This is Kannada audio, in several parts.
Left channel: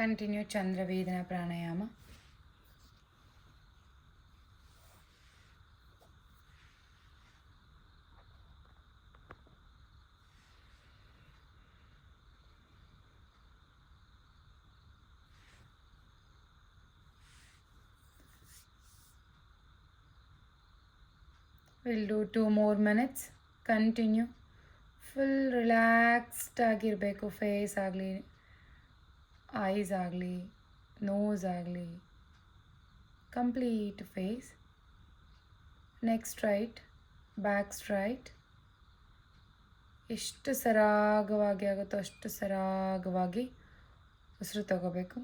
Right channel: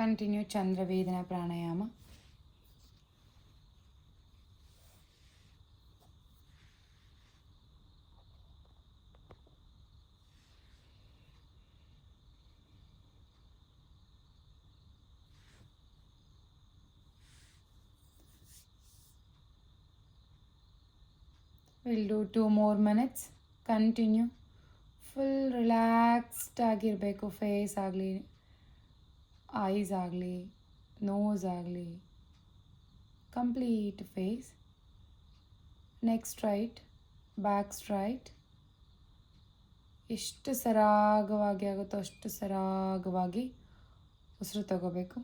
Continue Chandra Vedana Pranayama. We'll do 2 more minutes. Continue. Full relaxed ಆಗಿರಬೇಕು. ಫೇಸ್ ಆಗಲಿ, ಐಸ್ ಆಗಲಿ, ನೋಸ್ ಆಗಲಿ, complete face. Neck straight, back straight. ಎಷ್ಟು ಸರಾಗವಾಗಿ ಆಗುತ್ತೋ ಅಷ್ಟು ಸರಾಗವಾಗಿ ಉಸಿರು ತಗೋಬೇಕು.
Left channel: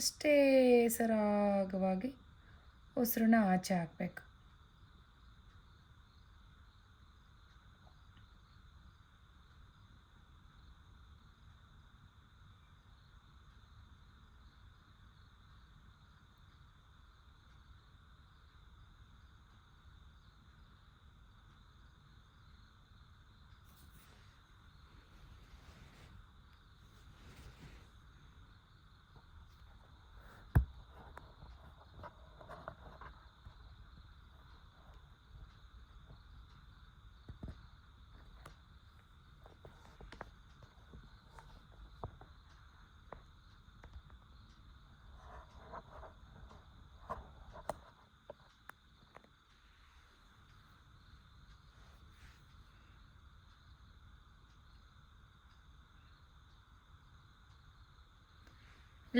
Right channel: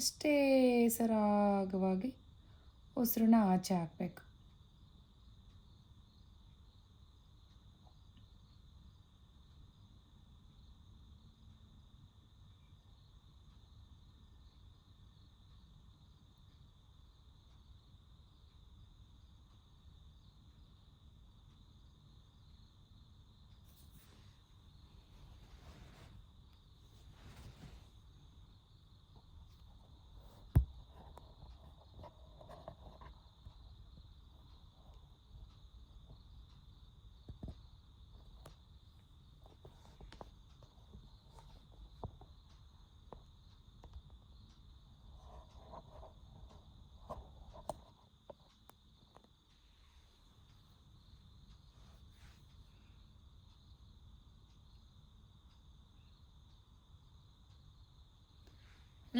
ಅಷ್ಟೇ ಸರಾಗವಾಗಿ ಉಸಿರನ್ನ ಆಚೆ ಹಾಕಬೇಕು.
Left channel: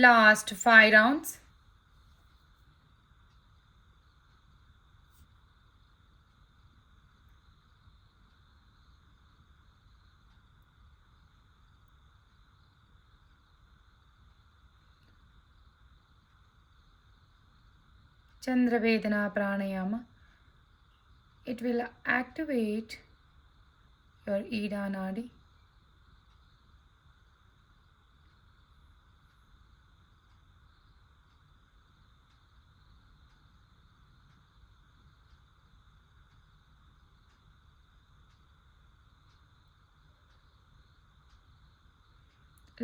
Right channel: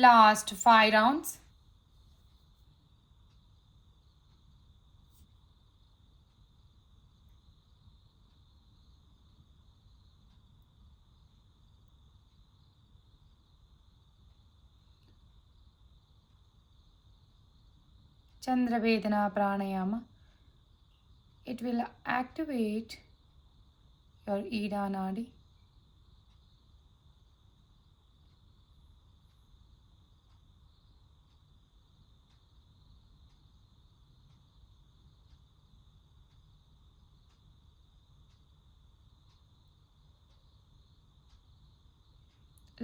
Last 5 rounds. Chandra Vedana Pranayama. It will activate your Ida Nadi.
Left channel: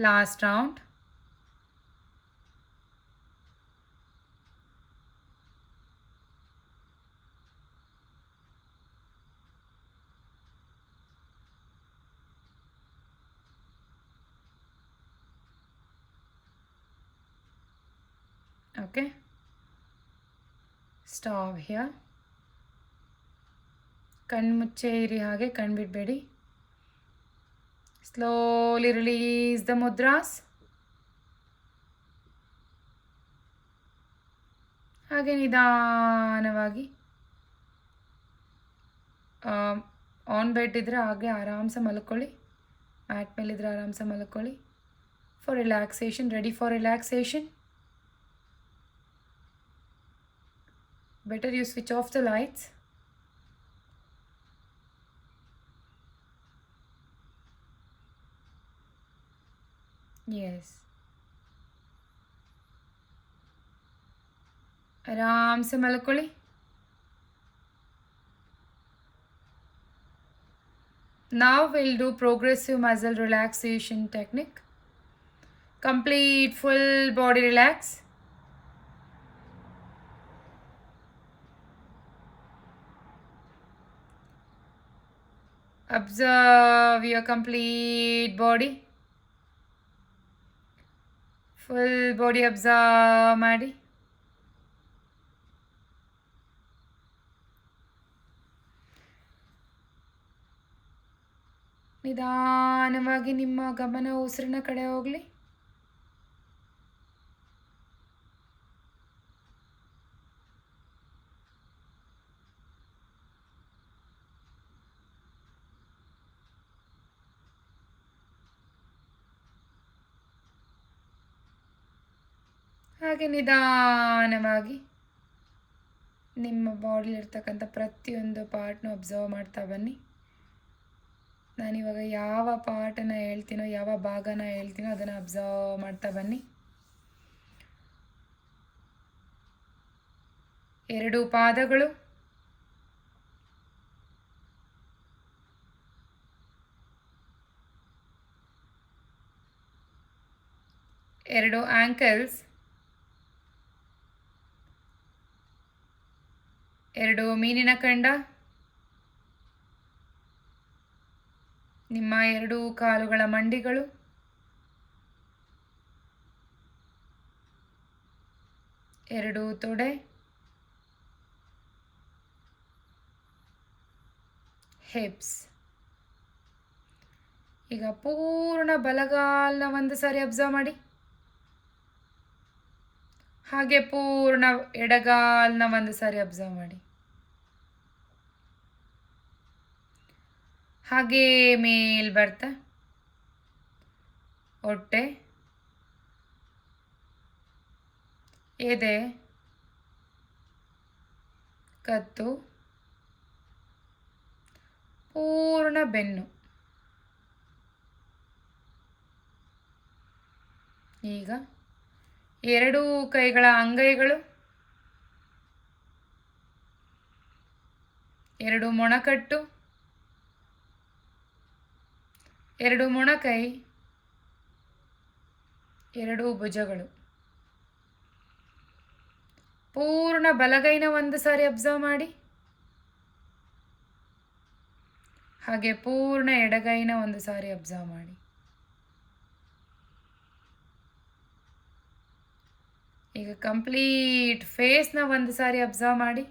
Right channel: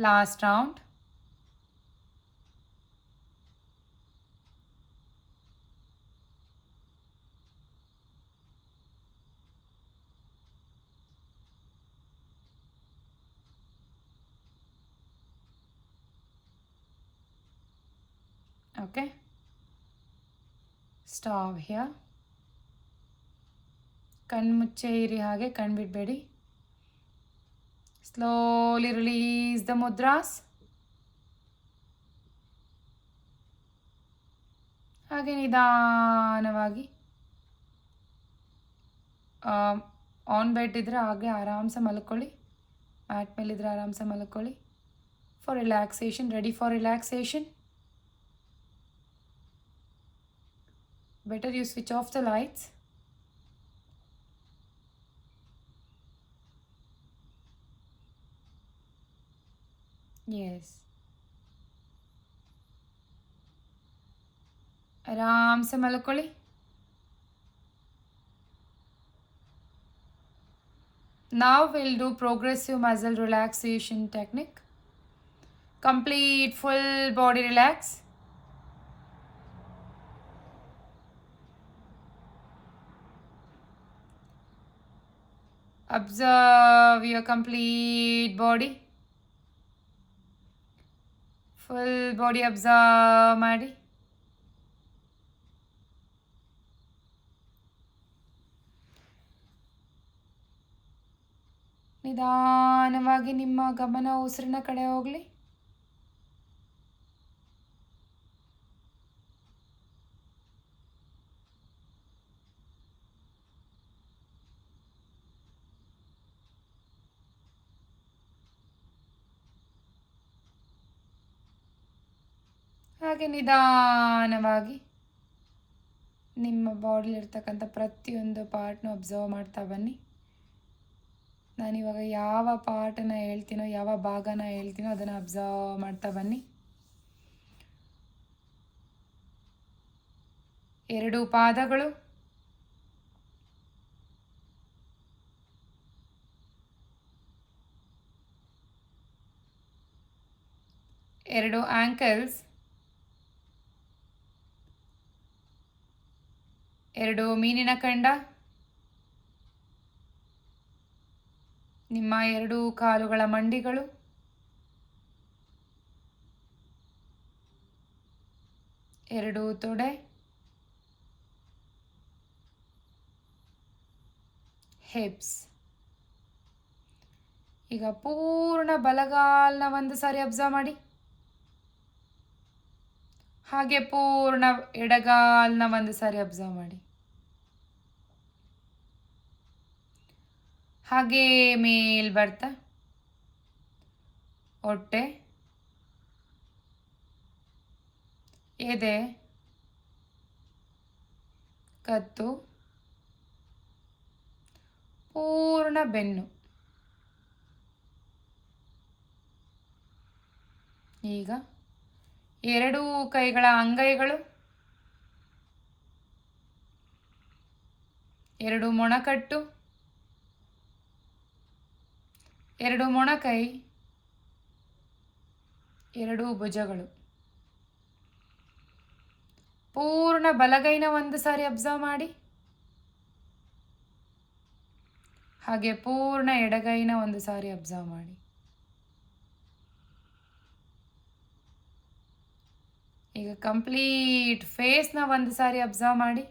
Last round. Okay. Stop here. ಕಣ್ಮುಚ್ಚೆ ಇರಿ, ಹಾಗೆ ಕಣ್ಬಿಡಬೇಡಿ. Slowly release the mudras. ಹಾಗೆ ನಿಧಾನವಾಗಿ ಆನ್ ಬೆಡ್ ಇದ್ದರೆ ಹಾಗೆ ಆರಾಮ್ಸೆ ಮಲ್ಕೊಳ್ಳಿ. ಮ್ಯಾಟ್ ಮೇಲಿದ್ರೆ ಆರಾಮ್ಸೆ ಮಲ್ಕೊಳ್ಳಿ. For relaxation, ready for relaxation. Better you switch off the lights. Yes. ಆರಾಮ್ಸೆ ಮಲ್ಕೊಳ್ಳಿ. Now we'll do progressive muscle relaxation technique. Complete full body relax. Observe your complete body. Full body observe ಮಾಡಿ. ನಿಧಾನವಾಗಿ ನಿಮ್ಮ ಗಮನ ಉಸಿರಿನ ಕಡೆ ಹೋಗಲಿ. ಹಾಗೆ ನಿಧಾನವಾಗಿ ನಿಮ್ಮ ಬಾಡಿಲಿರ್ತಕ್ಕಂಥ ಪ್ರತಿಯೊಂದು ಪಾರ್ಟ್ನು ಅಬ್ಸರ್ವ್ ಮಾಡ್ತಾ ಬನ್ನಿ. ನಾನಿವಾಗ ಯಾವ ಪಾರ್ಟನ್ನು ಹೇಳ್ತೀನೋ, ಯಾವ ಭಾಗನ ಹೇಳ್ತೀನೋ ಅದನ್ನು ಅಬ್ಸರ್ವ್ ಮಾಡ್ತಾ ಬನ್ನಿ. 2 ಪಾದಗಳು, 2 ಆ್ಯಂಕಲ್ಸ್, 2 ಮೀನಿನ ಕಂಡ, ನಿಮ್ಮ 2 ಕಾಲುಗಳ ಮಂಡಿಗಳು, 2 ತೊಡೆ, ಹಿಪ್ಸ್. ಈಗ ಪೂರ್ಣ ಬಲಗಾಲನ ಒಂದು ಸಾರಿ ಅಬ್ಸರ್ವ್ ಮಾಡಿ. ಹಾಗೆ ಪೂರ್ಣ ಎಡಗಾಲನ ಒಂದು ಸಾರಿ ಅಬ್ಸರ್ವ್ ಮಾಡಿ. ಹಾಗೆ ಮೇಲ್ ಬರ್ತಾ ಹೊಟ್ಟೆ, ಎದೆ, ಕತ್ತು, ಪೂರ್ಣ ಬೆನ್ನು. ಈಗ 2 ಕೈಗಳ ಅಂಗೈಗಳು, 2 ಮೊಣಕಟ್ಟು, 2 ಮೊಣಕೈ, 2 ಭುಜಗಳು. ಪೂರ್ಣ ಬಲಗೈನ ಒಂದು ಸಾರಿ ಅಬ್ಸರ್ವ್ ಮಾಡಿ. ಹಾಗೆ ಪೂರ್ಣ ಎಡಗೈನ ಒಂದು ಸಾರಿ ಅಬ್ಸರ್ವ್ ಮಾಡಿ. ಈಗ ಕಂಪ್ಲೀಟ್ ಫೇಸ್ನ ಒಂದು ಸಾರಿ ಅಬ್ಸರ್ವ್ ಮಾಡಿ.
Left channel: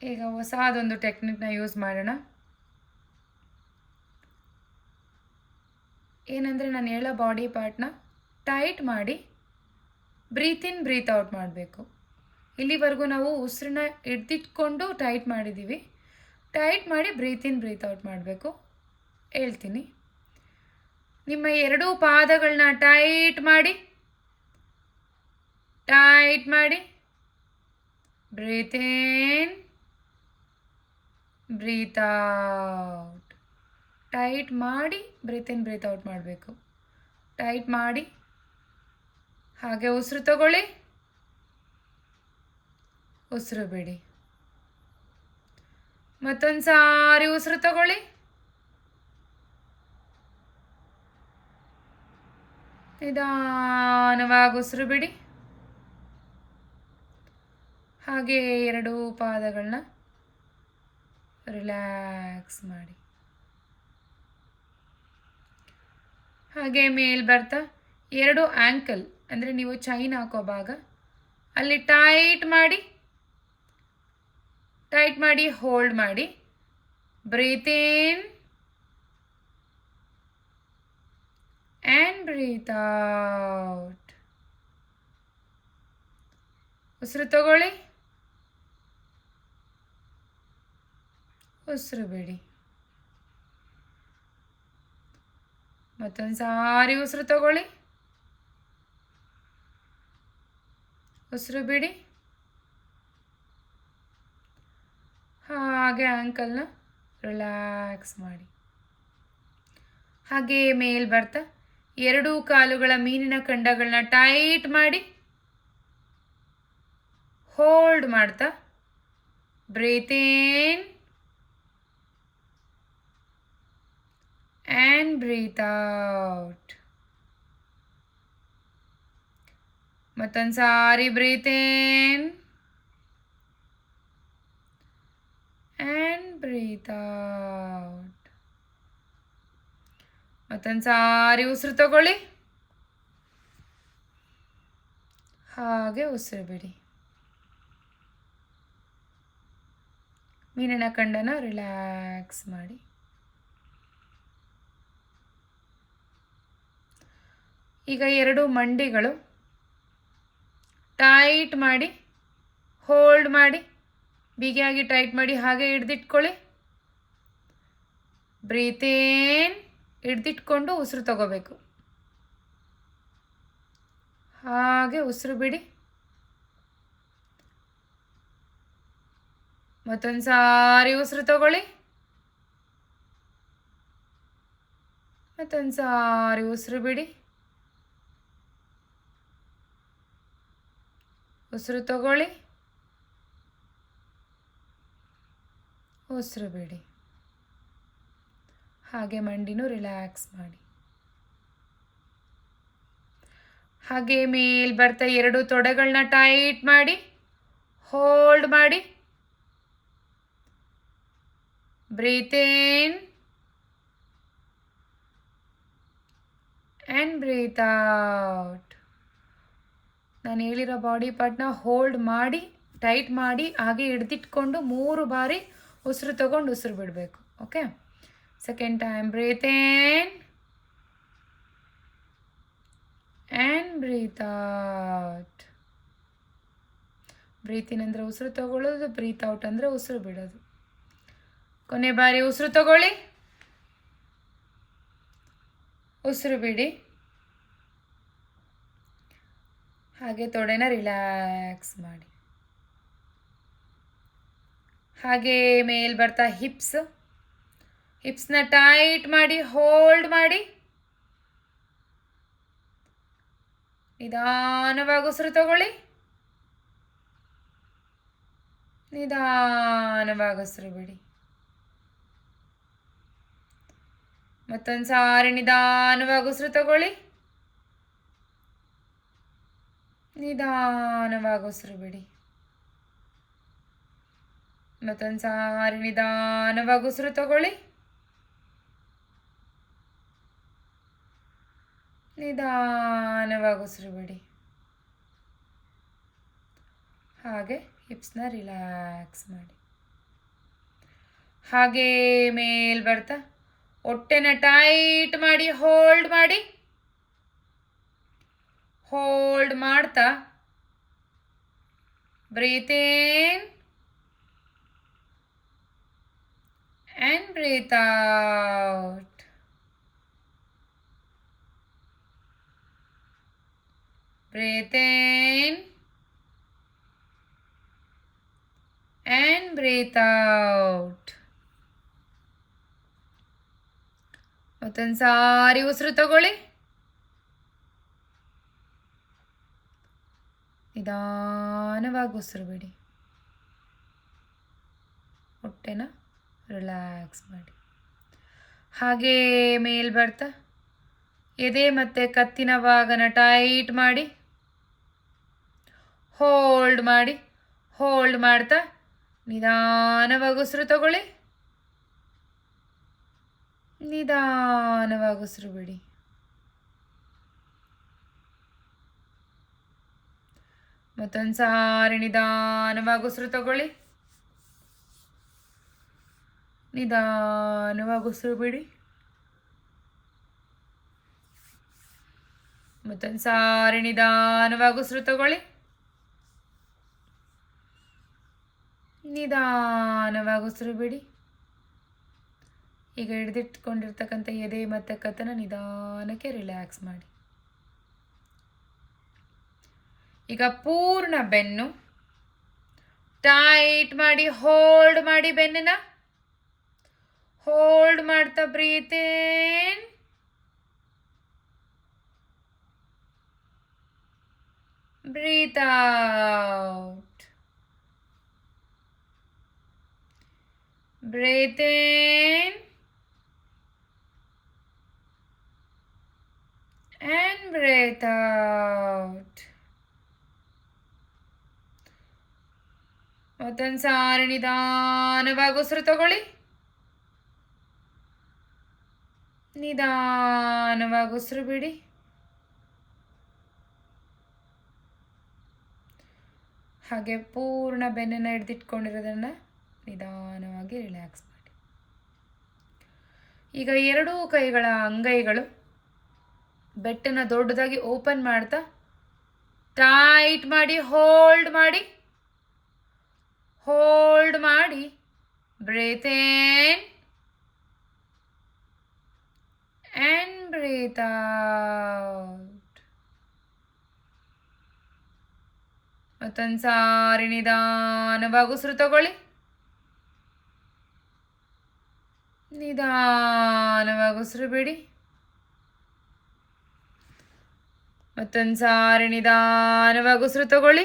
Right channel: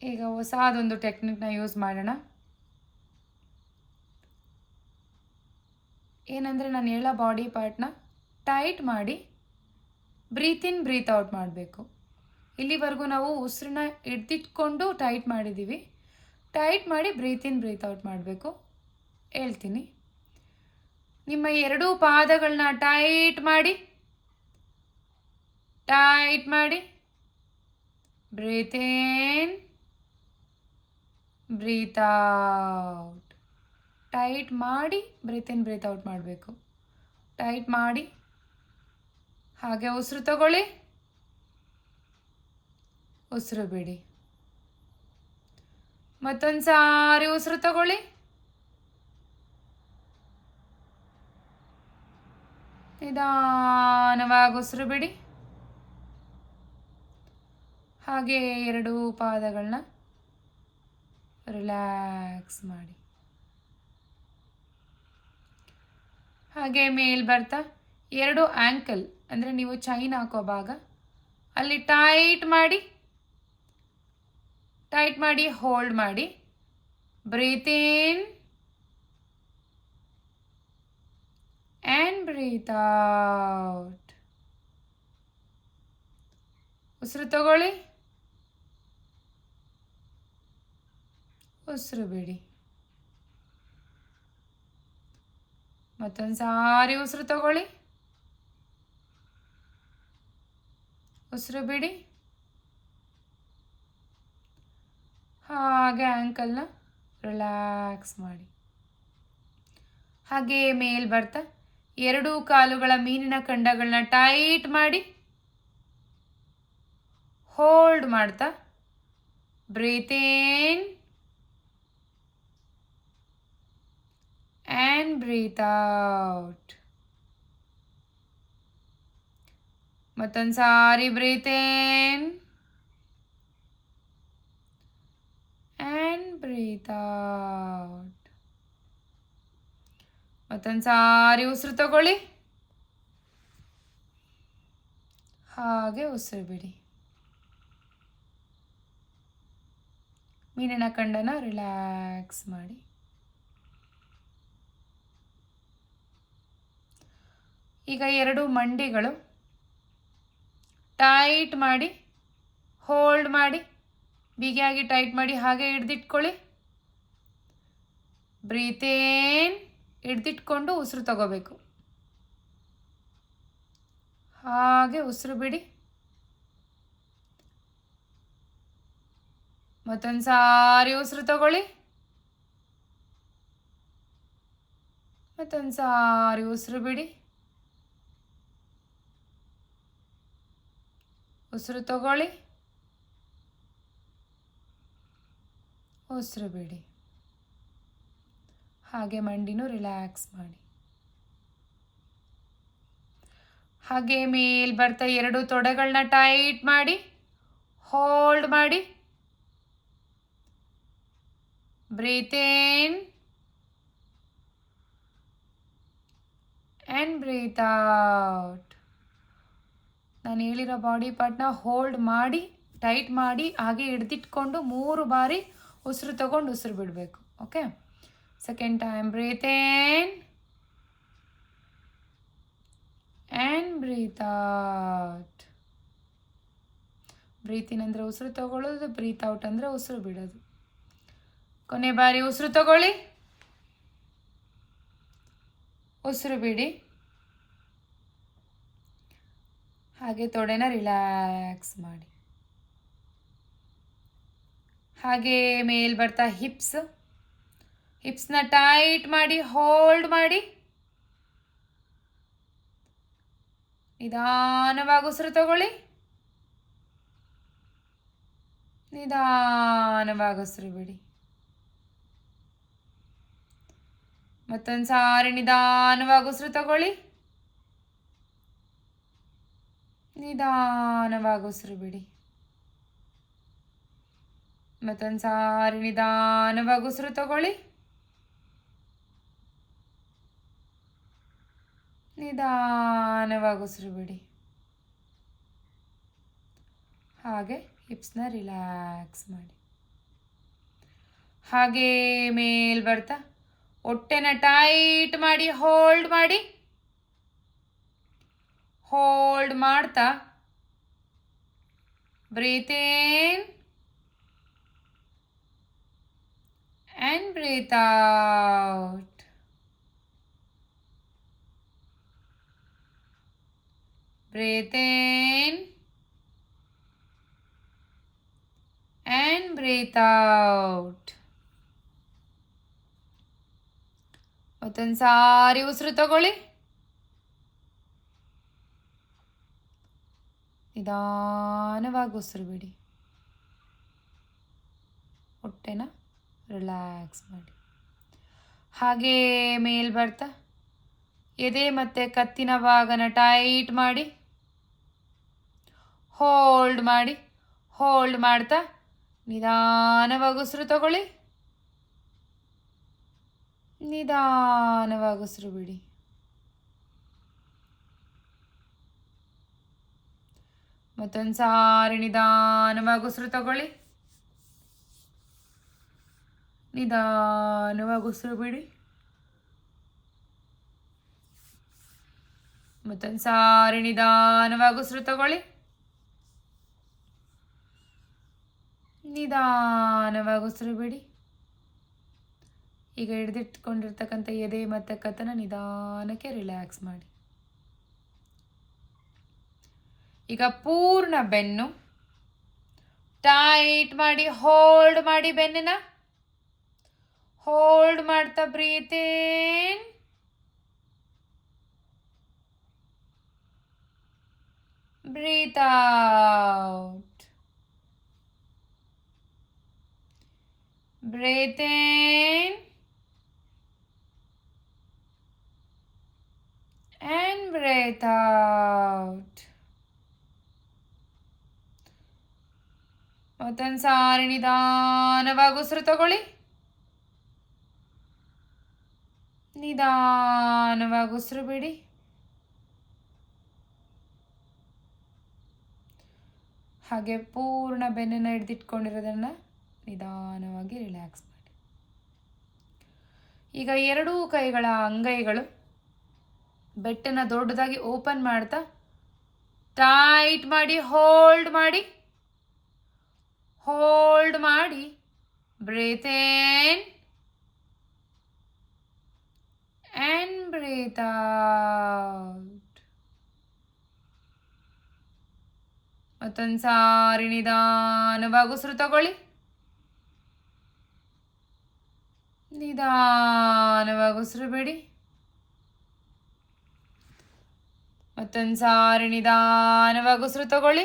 ಈಗ ಹೊಸದೊಂದು ಟೆಕ್ನಿಕ್ನ ಯೂಸ್ ಮಾಡೋಣ. ಏನಂದರೆ ನಾನು ಹೇಳೋ ಬಾಡಿ ಪಾರ್ಟ್ನ ಟೈಟ್ ಮಾಡಿ ಬ್ರೀತ್ ಇನ್ ಬ್ರೀತ್ ಔಟ್ ಮಾಡಬೇಕು. ಇಲ್ಲಿವರೆಗೂ ನಾವು ಉಸಿರನ್ನ ಹಿಡ್ದಿಟ್ಕೊಂಡು ಟೈಟ್ ಮಾಡಿದ್ದೀವಿ. ಟೈಟ್ ಮಾಡಿ ಬ್ರೀತ್ ಇನ್ ಬ್ರೀತ್ ಔಟ್ ಮಾಡಬೇಕು. ಹೇಳ್ತೀನಿ. ನಿಮ್ಮ 2 ಪಾದಗಳನ್ನ ಟೈಟ್ ಮಾಡಿ, ಟೈಟ್ ಮಾಡಿ, breathe in breathe out. Tight ಮಾಡಿ ಬ್ರೀತ್ ಇನ್ ಬ್ರೀತ್ ಔಟ್ ಮಾಡಬೇಕು. ಟೈಟ್ ಮಾಡಿ, ಹಾಗೆ ಉಸಿರು ತಗೊಳ್ಳಿ, ಉಸಿರು ಬಿಡಿ. ಮತ್ತೊಂದು ಸಾರಿ ಉಸಿರು ತಗೊಳ್ಳಿ, ನಿಧಾನವಾಗಿ ಉಸಿರು ಬಿಡಿ. ಹಾಗೆ 2 ಪಾದಗಳನ್ನ ರಿಲ್ಯಾಕ್ಸ್ ಮಾಡಿ. ಹಾಗೆ ಮೇಲ್ ಬರ್ತಾ 2 ಆ್ಯಂಕಲ್ ಅಂದರೆ ನೀವು ಚೈನ್ ಹಾಕೋ ಭಾಗ ಅಲ್ಲಿ ಟೈಟ್ ಮಾಡಿ ಹೋಲ್ಡ್ ಮಾಡಿ. Breathe in and breathe out. ಉಸಿರು ತಗೊಳ್ಳಿ, ಉಸಿರು ಬಿಡಿ. ಮತ್ತೊಂದು ಸಾರಿ ಉಸಿರು ತಗೊಳ್ಳಿ, ಉಸಿರು ಬಿಡಿ. ಹಾಗೆ ಆ್ಯಂಕಲ್ನ ರಿಲ್ಯಾಕ್ಸ್ ಮಾಡಿ. ಹಾಗೆ ಮೇಲ್ ಬರ್ತಾ 2 ಕಾಲುಗಳ ಮೀನಿನ ಕಂಡಗಳನ್ನ ಟೈಟ್ ಮಾಡಿ ಹೋಲ್ಡ್ ಮಾಡ್ತಾ breathe in and breathe out. ಮತ್ತೊಂದು ಸಾರಿ breathe in and breathe out. ಮತ್ತೊಂದು ಸಾರಿ ಉಸಿರು ತಗೊಳ್ಳಿ, ಹಾಗೆ ಉಸಿರು ಬಿಡಿ. ಮೀನಿನ ಕಂಡನ ರಿಲ್ಯಾಕ್ಸ್ ಮಾಡಿ. ಈಗ 2 ಮಂಡಿಗಳು ಟೈಟ್ ಮಾಡಿ ಹೋಲ್ಡ್ ಮಾಡಿ, ಬಿಗಿಯಾಗಿ ಟೈಟ್ ಮಾಡಿ, ಹಾಗೆ ಹಿಡ್ದಿಟ್ಕೊಳ್ಳಿ. ಬ್ರೀತ್ ಇನ್, ಹಿಡ್ದಿಟ್ಕೊಂಡು ಉಸಿರು ತಗೋಬೇಕು. ಹಾಗೆ ಉಸಿರು ಬಿಡಿ. ಮತ್ತೊಂದು ಸಾರಿ ಉಸಿರು ತಗೊಳ್ಳಿ, ಮತ್ತೊಂದು ಸಾರಿ ಉಸಿರು ಬಿಡಿ. ಉಸಿರು ತಗೊಳ್ಳಿ, ಉಸಿರು ಬಿಡಿ. ಹಾಗೆ ಮಂಡಿನೂ ರಿಲ್ಯಾಕ್ಸ್ ಮಾಡಿ. ಹಾಗೆ ಮೇಲ್ ಬರ್ತಾ 2 ತೊಡೆಗಳನ್ನ ಟೈಟ್ ಮಾಡಿ ಹೋಲ್ಡ್ ಮಾಡಿ. Breathe in and breathe out. ನಾನು ಹೇಳಿರೋ ಬಾಡಿ ಪಾರ್ಟ್ನ ಹೋಲ್ಡ್ ಮಾಡಿ ಟೈಟ್ ಮಾಡಿ ಹಾಗೆ ಹಿಡ್ದಿಟ್ಕೊಂಡು 3 ಬಾರಿ ಉಸಿರು ತಗೊಂಡು ಉಸಿರು ಬಿಡಬೇಕು. Okay, second time breathe in and breathe out. Breathe in ಅಂದರೆ ಉಸಿರು ತಗೊಳ್ಳೋದು, ಬ್ರೀತ್ ಔಟ್ ಅಂದರೆ ಉಸಿರು ಬಿಡೋದು. ಕೊನೆ ಬಾರಿ ಉಸಿರು ತಗೊಳ್ಳಿ, ಉಸಿರು ಬಿಡಿ. ಹಾಗೆ ತೊಡೆನ ರಿಲ್ಯಾಕ್ಸ್ ಮಾಡಿ. ಹಾಗೆ ಮೇಲ್ ಬರ್ತಾ ಹಿಪ್ಸ್ನ ಟೈಟ್ ಮಾಡಿ ಹೋಲ್ಡ್ ಮಾಡಿ. ನಿಧಾನವಾಗಿ ಉಸಿರು ತಗೊಳ್ಳಿ, ನಿಧಾನವಾಗಿ ಉಸಿರು ಬಿಡಿ. ಮತ್ತೊಂದು ಸಾರಿ ನಿಧಾನವಾಗಿ ಉಸಿರು ತಗೊಳ್ಳಿ, ನಿಧಾನವಾಗಿ ಉಸಿರು ಬಿಡಿ. ಮತ್ತೊಂದು ಸಾರಿ ನಿಧಾನವಾಗಿ ಉಸಿರು ತಗೊಳ್ಳಿ, ನಿಧಾನವಾಗಿ ಉಸಿರು ಬಿಡಿ. ಹಾಗೆ ಹಿಪ್ಸ್ನ ರಿಲ್ಯಾಕ್ಸ್ ಮಾಡಿ. ಹಾಗೆ ಮೇಲ್ ಬರ್ತಾ ಹೊಟ್ಟೆನ ಟೈಟ್ ಮಾಡಿ ಹೋಲ್ಡ್ ಮಾಡಿ. ಹೋಲ್ಡ್ ಮಾಡ್ತಾ breathe in and breathe out. Breathe in and breathe out. ಮತ್ತೊಂದು ಸಾರಿ ಉಸಿರು ತಗೊಳ್ಳಿ, ನಿಧಾನವಾಗಿ ಉಸಿರು ಬಿಡಿ. ಹೊಟ್ಟೆನ ರಿಲ್ಯಾಕ್ಸ್ ಮಾಡಿ. ಹಾಗೆ ಮೇಲ್ ಬರ್ತಾ ಎದೆ ಮತ್ತು ಕತ್ತಿನ ಭಾಗನ ಟೈಟ್ ಮಾಡಿ ಹೋಲ್ಡ್ ಮಾಡಿ. ಹೋಲ್ಡ್ ಮಾಡ್ತಾ ನಿಧಾನವಾಗಿ ಉಸಿರು ತಗೊಳ್ಳಿ, ನಿಧಾನವಾಗಿ ಉಸಿರು ಬಿಡಿ. ಮತ್ತೊಂದು ಸಾರಿ ನಿಧಾನವಾಗಿ ಉಸಿರು ತಗೊಳ್ಳಿ, ನಿಧಾನವಾಗಿ ಉಸಿರು ಬಿಡಿ. ಮತ್ತೊಂದು ಸಾರಿ ನಿಧಾನವಾಗಿ ಉಸಿರು ತಗೊಳ್ಳಿ, ನಿಧಾನವಾಗಿ ಉಸಿರು ಬಿಡಿ. ಈಗ ಹಿಡಿದಿಟ್ಕೊಂಡಿರ್ತಕ್ಕಂಥ ಎದೆ ಮತ್ತು ಕತ್ತನ ನಿಧಾನಕ್ಕೆ ರಿಲ್ಯಾಕ್ಸ್ ಮಾಡಿ. ಈಗ ಪೂರ್ಣ ಬೆನ್ನು ಟೈಟ್ ಮಾಡಿ ಹೋಲ್ಡ್ ಮಾಡಿ. ಬೆನ್ನನ್ನ ಹೋಲ್ಡ್ ಮಾಡ್ತಾ breathe in breathe out. Breathe in and breathe out. ಮತ್ತೊಂದು ಸಾರಿ ನಿಧಾನವಾಗಿ ಉಸಿರು ತಗೊಳ್ಳಿ, ನಿಧಾನವಾಗಿ ಉಸಿರು ಬಿಡಿ. ಹಾಗೆ ಪೂರ್ಣ ಬೆನ್ನನ್ನು ಹಿಡಿದಿಟ್ಕೊಂಡಿರೋದನ್ನು ನಿಧಾನವಾಗಿ ರಿಲ್ಯಾಕ್ಸ್ ಮಾಡಿ. ಈಗ 2 ಕೈಗಳ ಅಂಗೈಗಳು ಬೆಟ್ಟನ್ನು ದೊಡ್ಡದಾಗಿ ಓಪನ್ ಮಾಡ್ತಾ ಟೈಟ್ ಮಾಡಿ ಹೋಲ್ಡ್ ಮಾಡಿ. ಹೋಲ್ಡ್ ಮಾಡಿ breathe in and breathe out. ಮತ್ತೊಂದು ಸಾರಿ ನಿಧಾನವಾಗಿ ಉಸಿರು ತಗೊಳ್ಳಿ, ನಿಧಾನವಾಗಿ ಉಸಿರು ಬಿಡಿ. ಮತ್ತೊಂದು ಸಾರಿ ನಿಧಾನವಾಗಿ ಉಸಿರು ತಗೊಳ್ಳಿ,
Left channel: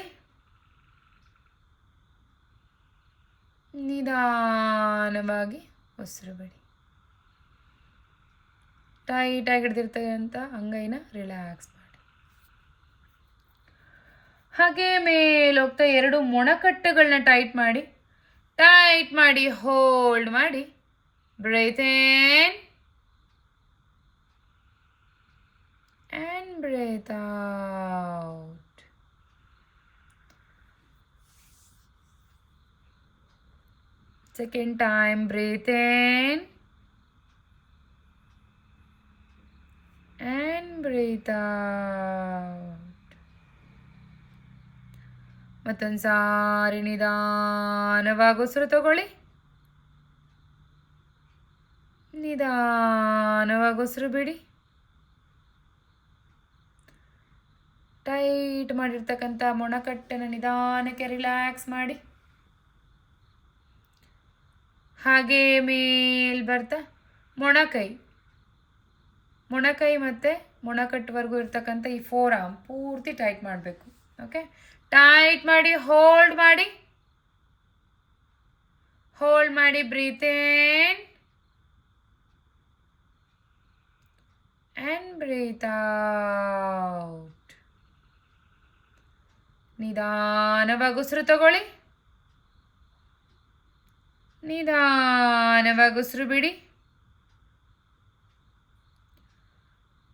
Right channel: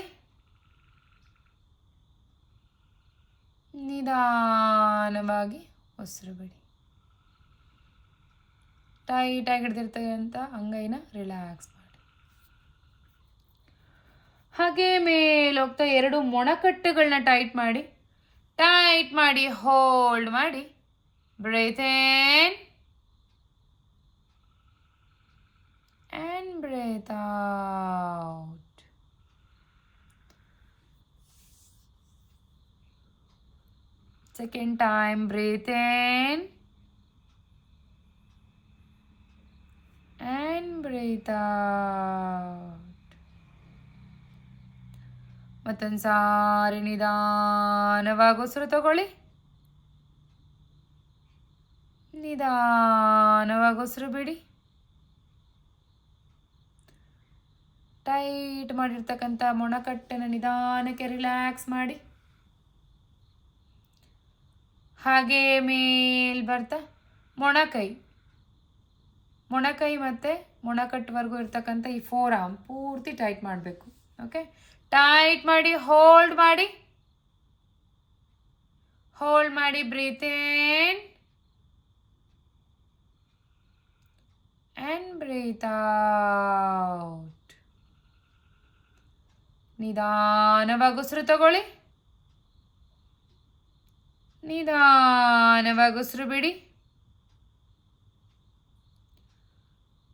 ನಿಧಾನವಾಗಿ ಉಸಿರು ಬಿಡಿ. ಟೈಟಾಗಿ ಹಿಡ್ದಿರ್ತಕ್ಕಂಥ ಅಂಗೈನ ರಿಲ್ಯಾಕ್ಸ್ ಮಾಡಿ. ಹಾಗೆ ಮೇಲೆ ಹೋಗ್ತಾ 2 ಮೊಣಕಟ್ಟುಗಳನ್ನ ಟೈಟ್ ಮಾಡಿ ಹೋಲ್ಡ್ ಮಾಡಿ. Breathe in and breathe out. Second time, breathe in and breathe out. ಮತ್ತೊಂದು ಸಾರಿ ನಿಧಾನವಾಗಿ ಉಸಿರು ತಗೊಳ್ಳಿ. ನಿಧಾನವಾಗಿ ಉಸಿರು ಬಿಡಿ. ಟೈಟ್ ಮಾಡಿರ್ತಕ್ಕಂಥ ಮೊಣಕಟ್ಟನ್ನು ನಿಧಾನಕ್ಕೆ ರಿಲ್ಯಾಕ್ಸ್ ಮಾಡಿ. ಹಾಗೆ ಮೇಲ್ ಬರ್ತಾ ಮೊಣಕೈ ಮತ್ತು ಮೊಣಕಟ್ಟುವರೆಗೂ ಇರ್ತಕ್ಕಂಥ ಈ 4 ಆರ್ಮ್ ಪೂರ್ತಿ ಟೈಟ್ ಮಾಡಬೇಕು. ಓಕೆ, ಟೈಟ್ ಮಾಡಿ ಹೋಲ್ಡ್ ಮಾಡಿ breathe in and breathe out. ನಿಧಾನವಾಗಿ ಉಸಿರು ತಗೊಳ್ಳಿ. ನಿಧಾನವಾಗಿ ಉಸಿರು ಬಿಡಿ.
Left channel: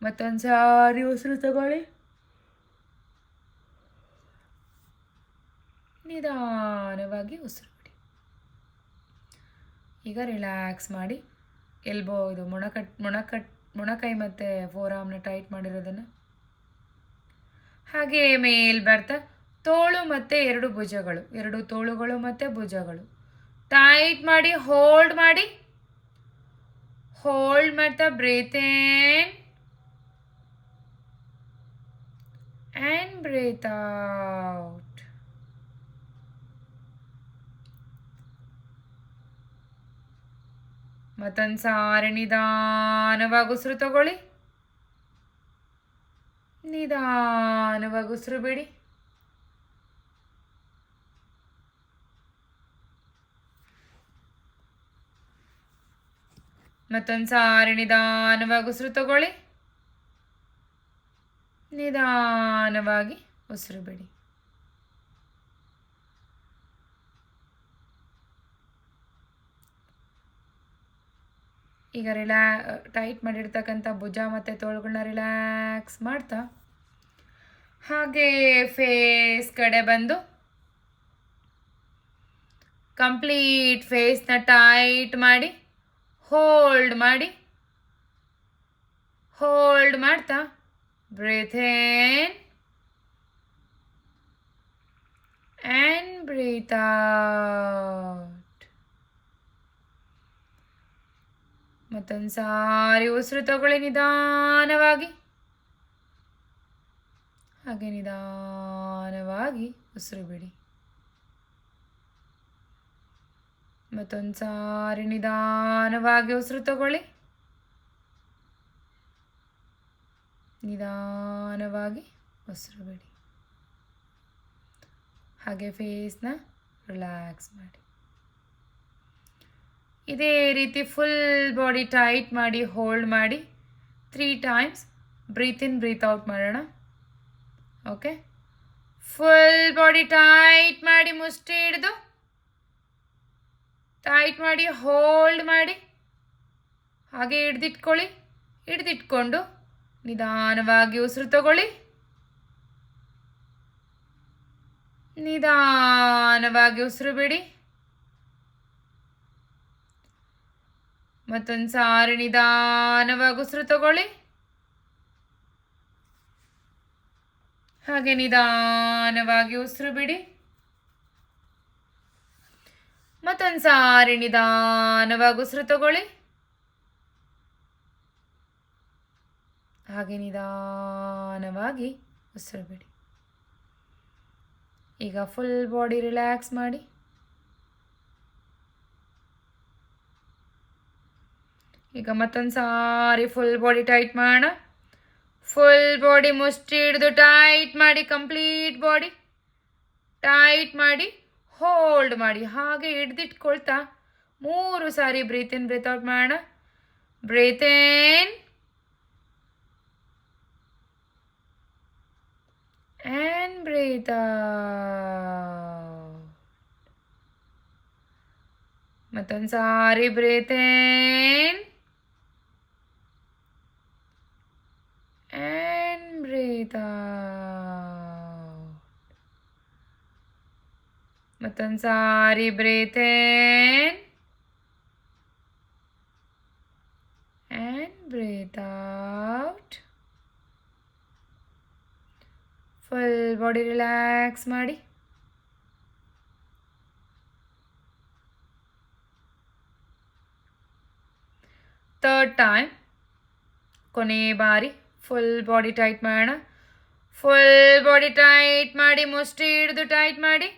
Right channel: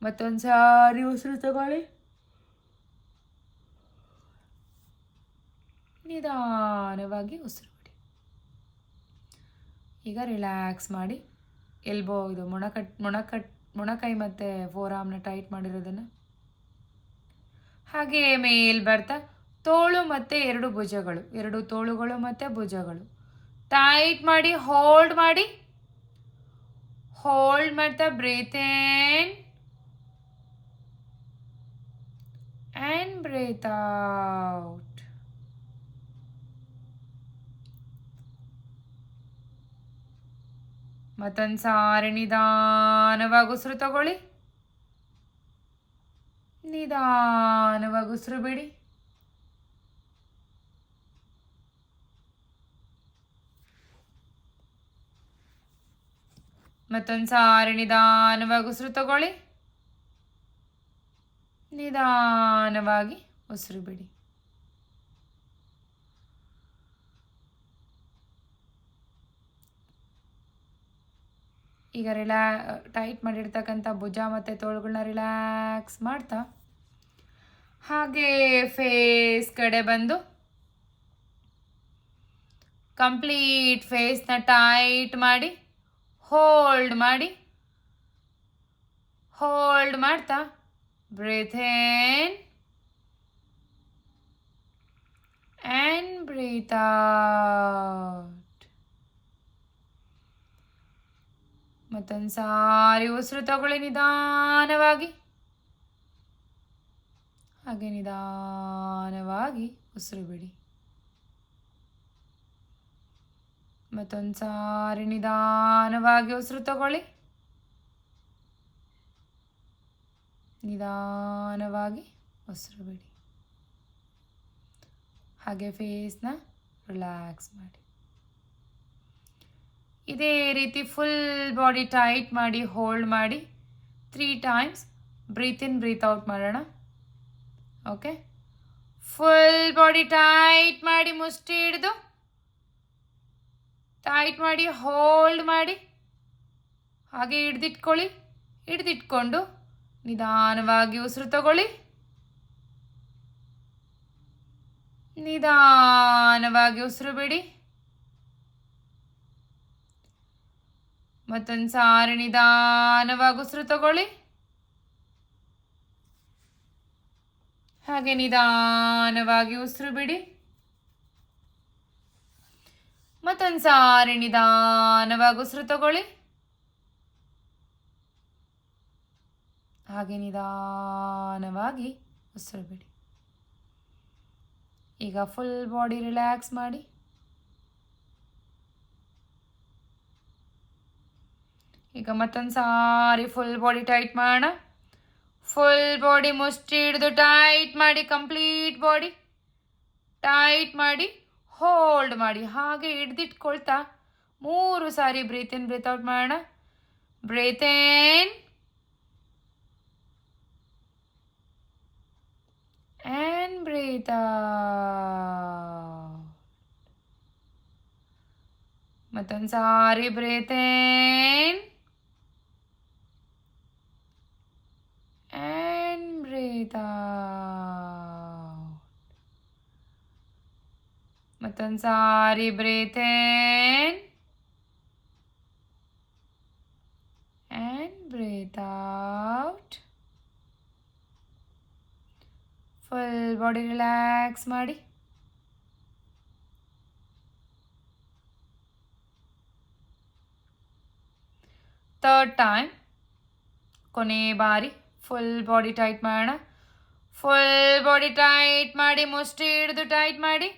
ಮತ್ತೊಂದು ಸಾರಿ ಉಸಿರು ತಗೊಳ್ಳಿ. ನಿಧಾನವಾಗಿ ಉಸಿರು ಬಿಡಿ. ಈಗ ರಿಲ್ಯಾಕ್ಸ್ ಮಾಡಿ ಎಲ್ಬೋ ಇದು ಮೊಣಕೈ ಮತ್ತು 4 ಆರ್ಮ್ನ ಟೈಟ್ ಮಾಡಿರೋದನ್ನು. ಹಾಗೆ ಮೇಲ್ ಬರ್ತಾ ತೋಳು ಮತ್ತು 2 ಭುಜಗಳು, 2 ತೋಳುಗಳು ಮತ್ತು ಭುಜಗಳು ಟೈಟ್ ಮಾಡಿ ಹೋಲ್ಡ್ ಮಾಡ್ತಾ breathe in and breathe out. ಮತ್ತೊಂದು ಸಾರಿ ನಿಧಾನವಾಗಿ ಉಸಿರು ತಗೊಳ್ಳಿ. ನಿಧಾನವಾಗಿ ಉಸಿರು ಬಿಡಿ. ಮತ್ತೊಂದು ಸಾರಿ ನಿಧಾನವಾಗಿ ಉಸಿರು ತಗೊಳ್ಳಿ. ನಿಧಾನವಾಗಿ ಉಸಿರು ಬಿಡಿ. ಈಗ ಟೈಟ್ ಮಾಡಿರ್ತಕ್ಕಂಥ ಭುಜ ಮತ್ತು ತೋಳುಗಳನ್ನ ರಿಲ್ಯಾಕ್ಸ್ ಮಾಡ್ತಾ ಹಾಗೆ ಫೇಸ್ ಕಡೆ ಬಂದು ಕಂಪ್ಲೀಟ್ ಫೇಸ್ನ ಟೈಟ್ ಮಾಡಿ ಹೋಲ್ಡ್ ಮಾಡ್ತಾ breathe in and breathe out. ಮತ್ತೊಂದು ಸಾರಿ ಉಸಿರು ತಗೊಳ್ಳಿ ನಿಧಾನವಾಗಿ. ಹಾಗೆ ನಿಧಾನವಾಗಿ ಉಸಿರು ಬಿಡಿ. ಮತ್ತೊಂದು ಸಾರಿ ನಿಧಾನವಾಗಿ ಉಸಿರು ತಗೊಳ್ಳಿ. ನಿಧಾನವಾಗಿ ಉಸಿರು ಬಿಡಿ. ಹಾಗೆ ಫೇಸ್ನ ರಿಲ್ಯಾಕ್ಸ್ ಮಾಡಿ. ಇದೇ ರೀತಿ ಫುಲ್ ಬಾಡಿ ಟೈಟ್ ಮಾಡಿ ಹೋಲ್ಡ್ ಮಾಡಿ 3 times breathe in breathe out ಮಾಡೋಣ. ಓಕೆ, ಫುಲ್ ಬಾಡಿ ಟೈಟ್ ಮಾಡಿ ಮುಷ್ಟಿ ಹಿಡಿದು ಟೈಟ್ ಮಾಡಿ ಹೋಲ್ಡ್ ಮಾಡಿ ಹಾಗೆ ಹಿಡ್ದಿಟ್ಕೊಂಡು ನಿಧಾನವಾಗಿ ಉಸಿರು ತಗೊಳ್ಳಿ. ನಿಧಾನವಾಗಿ ಉಸಿರು ಬಿಡಿ. ಮತ್ತೊಂದು ಸಾರಿ ನಿಧಾನವಾಗಿ ಉಸಿರು ತಗೊಳ್ಳಿ. ಹಾಗೆ ನಿಧಾನವಾಗಿ ಉಸಿರು ಬಿಡಿ. ಮತ್ತೊಂದು ಸಾರಿ ನಿಧಾನವಾಗಿ ಉಸಿರು ತಗೊಳ್ಳಿ. ಹಾಗೆ ನಿಧಾನವಾಗಿ ಉಸಿರು ಬಿಡಿ. ಈಗ ಫುಲ್ ಬಾಡಿ ರಿಲ್ಯಾಕ್ಸ್ ಮಾಡಿ. ಈಗ ಮತ್ತೊಂದು ಸಾರಿ ಫುಲ್ ಬಾಡಿ ಟೈಟ್ ಮಾಡೋಣ. ಫುಲ್ ಬಾಡಿ ಮುಷ್ಟಿ ಹಿಡಿದು ಟೈಟ್ ಮಾಡಿ ಕಂಪ್ಲೀಟ್ ಬಾಡಿ ಟೈಟ್ ಮಾಡಿ ಹೋಲ್ಡ್ ಮಾಡಿ. ಹಾಗೆ ಹಿಡ್ದಿಟ್ಕೊಳ್ತಾ 3 ಸಾರಿ ಬ್ರೀತ್ ಇನ್ ಬ್ರೀತ್ ಔಟ್ ಮಾಡೋಣ. Breathe in and breathe out. ಮತ್ತೊಂದು ಸಾರಿ breathe in and breathe out. ಮತ್ತೊಂದು ಸಾರಿ breathe in and breathe out. Full body relax ಮಾಡಿ. ಥರ್ಡ್ ಟೈಮ್, ಕೊನೆ ಬಾರಿ ಫುಲ್ ಬಾಡಿ ಟೈಟ್ ಮಾಡೋಣ. ಫುಲ್ ಬಾಡಿ ಟೈಟ್ ಮಾಡಿ, ಮುಷ್ಟಿ ಹಿಡಿದು ಟೈಟ್ ಮಾಡಿ.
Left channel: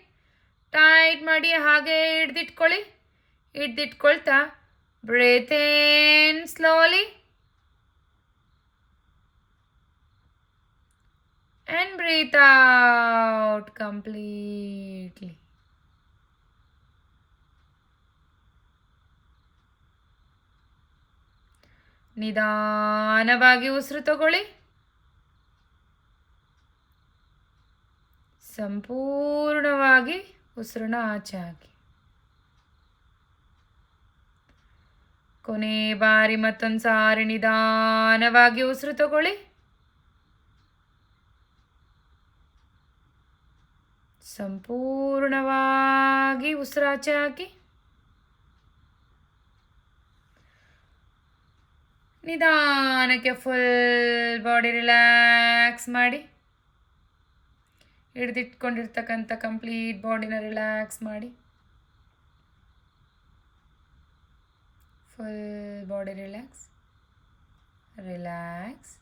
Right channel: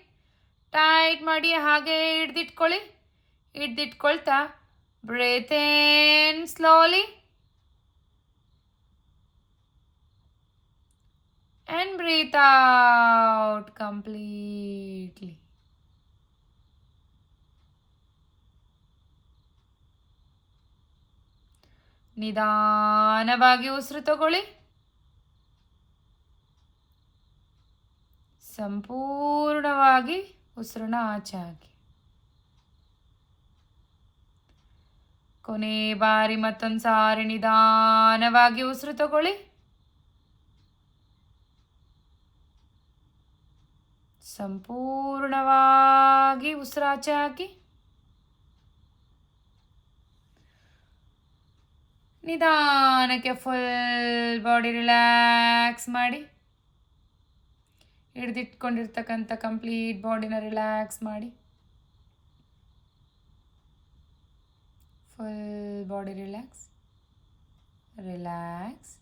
ಹಾಗೆ ಹಿಡ್ದಿಟ್ಕೊಳ್ಳಿ. ಹಿಡ್ದಿಟ್ಕೊಳ್ತಾ breathe in slowly and breathe out completely. ನಿಧಾನವಾಗಿ ಉಸಿರು ತಗೊಳ್ಳಿ. ಸಂಪೂರ್ಣವಾಗಿ ಉಸಿರನ್ನ ಆಚೆ ಹಾಕಿ. ಕೊನೆ ಬಾರಿ ಮತ್ತೊಂದು ಸಾರಿ ನಿಧಾನವಾಗಿ ಉಸಿರು ತಗೊಳ್ಳಿ. ಸಂಪೂರ್ಣವಾಗಿ ಉಸಿರಾಚೆ ಹಾಕಿ. ನಿಧಾನಕ್ಕೆ ಫುಲ್ ಬಾಡಿ ರಿಲ್ಯಾಕ್ಸ್ ಮಾಡಿ. ಹಿಡ್ದಿಟ್ಕೊಂಡಿರ್ತಕ್ಕಂಥ ಕಂಪ್ಲೀಟ್ ಬಾಡಿನ ರಿಲ್ಯಾಕ್ಸ್ ಮಾಡಿ. Full body relax, relax,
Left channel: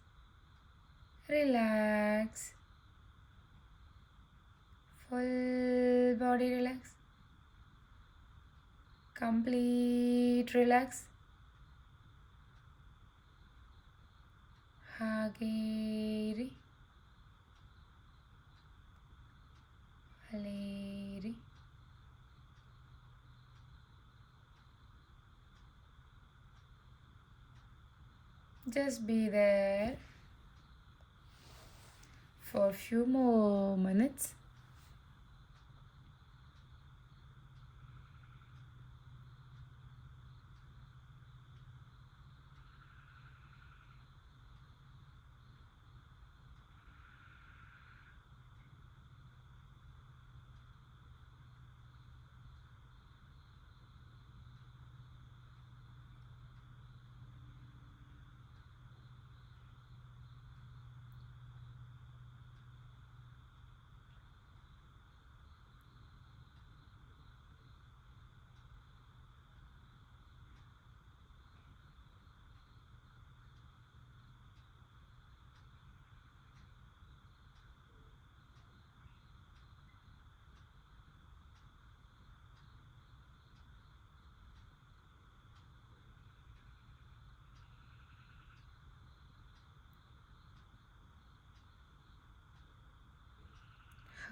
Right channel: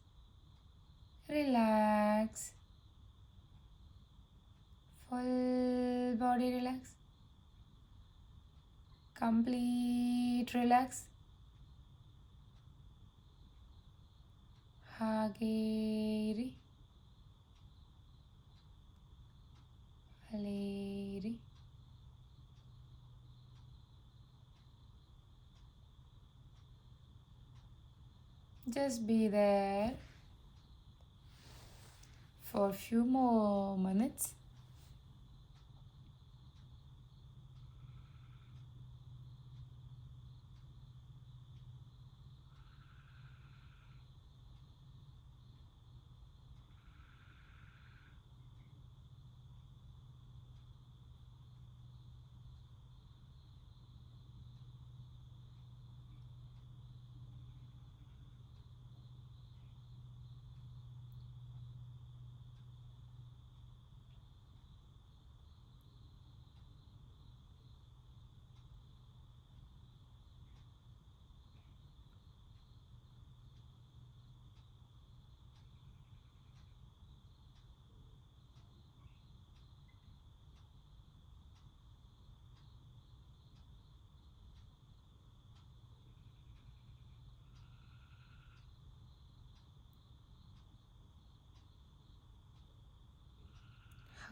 relax. Full body relax, complete relax. ಹಾಗೇ ಇರಿ, ಅಲ್ಲೇ ಇರಿ. Just be there for a few more minutes.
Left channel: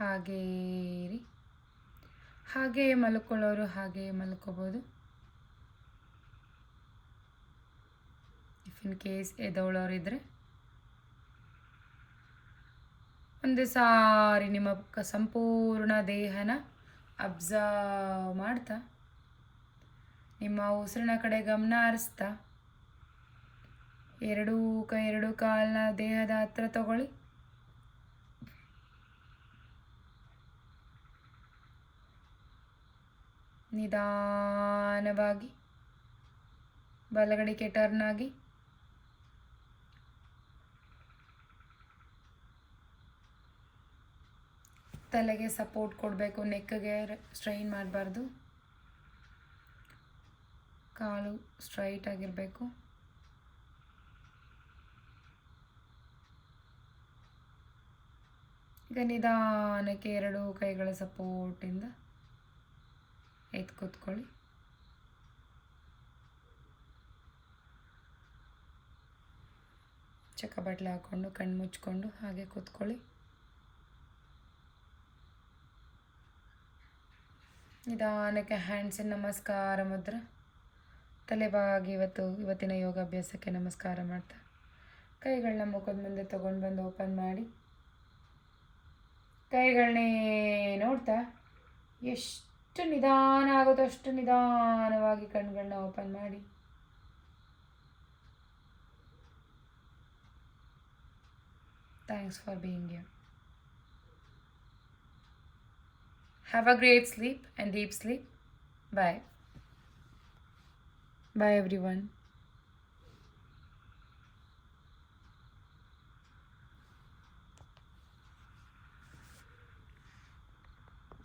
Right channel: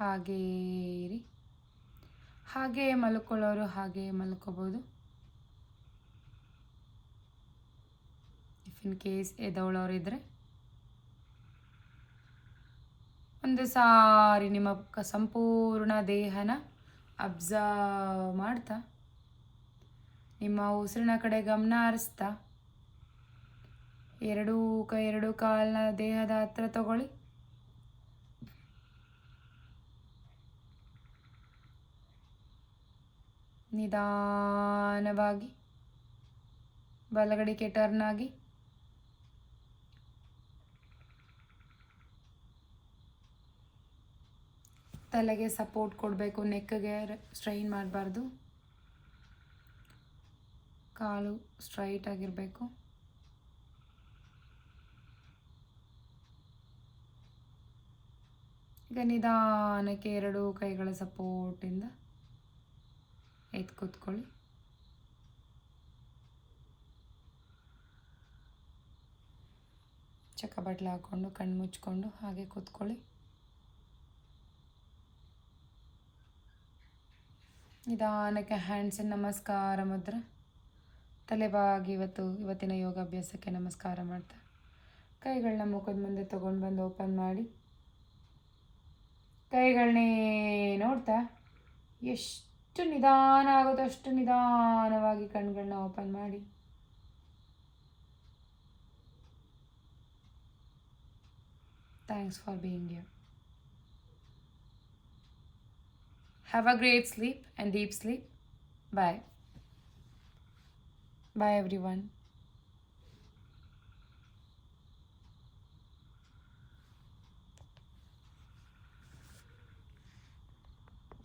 ಹಾಗೇ ಇರಿ. ಹಾಗೇ ಮಲ್ಕೊಳ್ಳೋರು ಹಾಗೇ ಮಲ್ಕೋಬೋದು. ಇಫ್ ಇನ್ ಕೇಸ್ ಎದೋಳೋರಿದ್ರೆ ಒಂದು ಸಾರಿ ನಿಮ್ಮ ಸಂಪೂರ್ಣ ದೇಹನ ಅಬ್ಸರ್ವ್ ಮಾಡ್ತಾ ನಿಮ್ಮ ಉಸಿರಿನ ಕಡೆ ಗಮನ ಹರಿಸ್ತಾ ಎರಡೂ ಕಾಲನ್ನ ದೇಹದ ಹತ್ರ ತಗೊಳ್ಳಿ. ನಿಧಾನವಾಗಿ ಬಲಗಡೆಗೆ ಟರ್ನ್ ಆಗಿ. ತಲೆಗೆ ಸಪೋರ್ಟ್ ಕೊಡಬೇಕು, ನೆಕ್ಗೆ ಸ್ಟ್ರೈನ್ ಮಾಡಬಾರ್ದು. ಕಾಲು ಸ್ಟ್ರೈಟ್ ಆಗಿರಬೇಕು. ಈಗ ನಿಧಾನಕ್ಕೆ ಎರಡೂ ಕೈಗಳ ಸಪೋರ್ಟಿಂದ ಎದ್ದು ಕೂತ್ಕೊಳ್ಳಿ. ಚಕ್ಕ ಬಟ್ಲು ಹಾಕ್ಕೊಂಡು ಕಣ್ಣು ಮುಚ್ಕೊಂಡು ಹಾಗೆ ಕೂತ್ಕೊಳ್ಳಿ. ನಿಧಾನಕ್ಕೆ ಹ್ಯಾಂಡ್ಸ್ ನಮಸ್ಕಾರ ಮುದ್ರೆ. ತಲೆಬಾಗಿ ಇವತ್ತಿನ ಯೋಗಾಭ್ಯಾಸಕ್ಕೆ ನಮಸ್ಕಾರ ಮಾಡ್ತಾ ಕೈಗಳನ್ನ ಮುಖದ ಮುಂದೆ ತೊಗೊಂಡು ಬಂದು ಓಪನ್ ಮಾಡಿ ಕೈಗಳನ್ನೇ ನೋಡ್ತಾ ಎಷ್ಟು ನಿಧಾನ ಆಗುತ್ತೋ ಅಷ್ಟು ನಿಧಾನವಾಗಿ ಕಣ್ಗಳನ್ನ ಓಪನ್ ಮಾಡಿ thanks for being you. Have a great sleep and deep sleep. Bye. Bye everyone.